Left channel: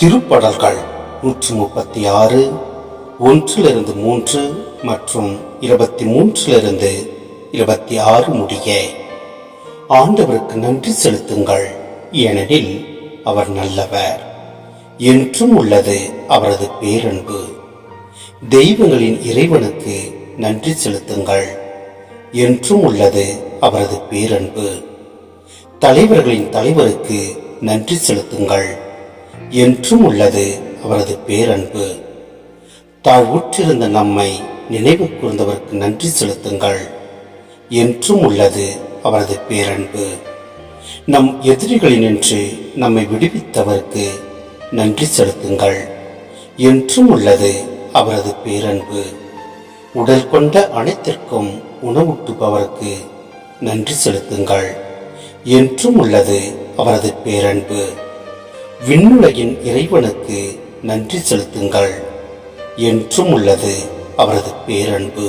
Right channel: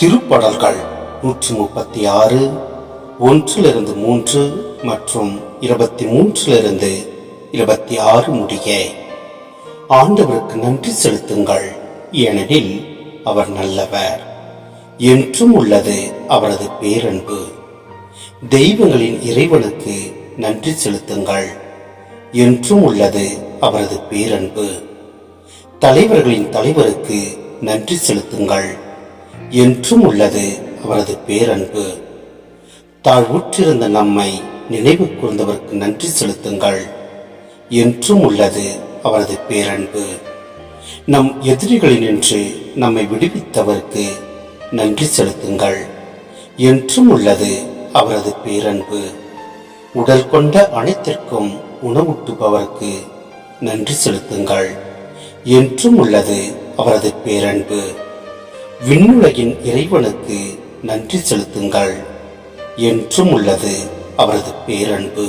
திருப்படல்கள் 136 1-3 மற்றும் 23-26 முடிய. ஆண்டவருக்கு நன்றி செலுத்துங்கள், ஏனெனில் அவர் நல்லவர், என்றும் உள்ளது அவரது பேரன்பு. தெய்வங்களின் இறைவனுக்கு நன்றி செலுத்துங்கள், என்றும் உள்ளது அவரது பேரன்பு. தலைவர்களின் தலைவருக்கு நன்றி செலுத்துங்கள், என்றும் உள்ளது அவரது பேரன்பு. தாழ்வுற்றிருந்த நம்மை நினைவு கூர்ந்தவருக்கு நன்றி செலுத்துங்கள், என்றும் உள்ளது அவரது பேரன்பு. நம் எதிரிகளினின்று நம்மை விடுவித்தவருக்கு நன்றி செலுத்துங்கள், என்றும் உள்ளது அவரது பேரன்பு. உடல் கொண்ட அனைத்திற்கும் உணவூட்டுபவருக்கு நன்றி செலுத்துங்கள், என்றும் உள்ளது அவரது பேரன்பு. விண்ணுலகின் இறைவனுக்கு நன்றி செலுத்துங்கள், என்றும் உள்ளது அவரது பேரன்பு.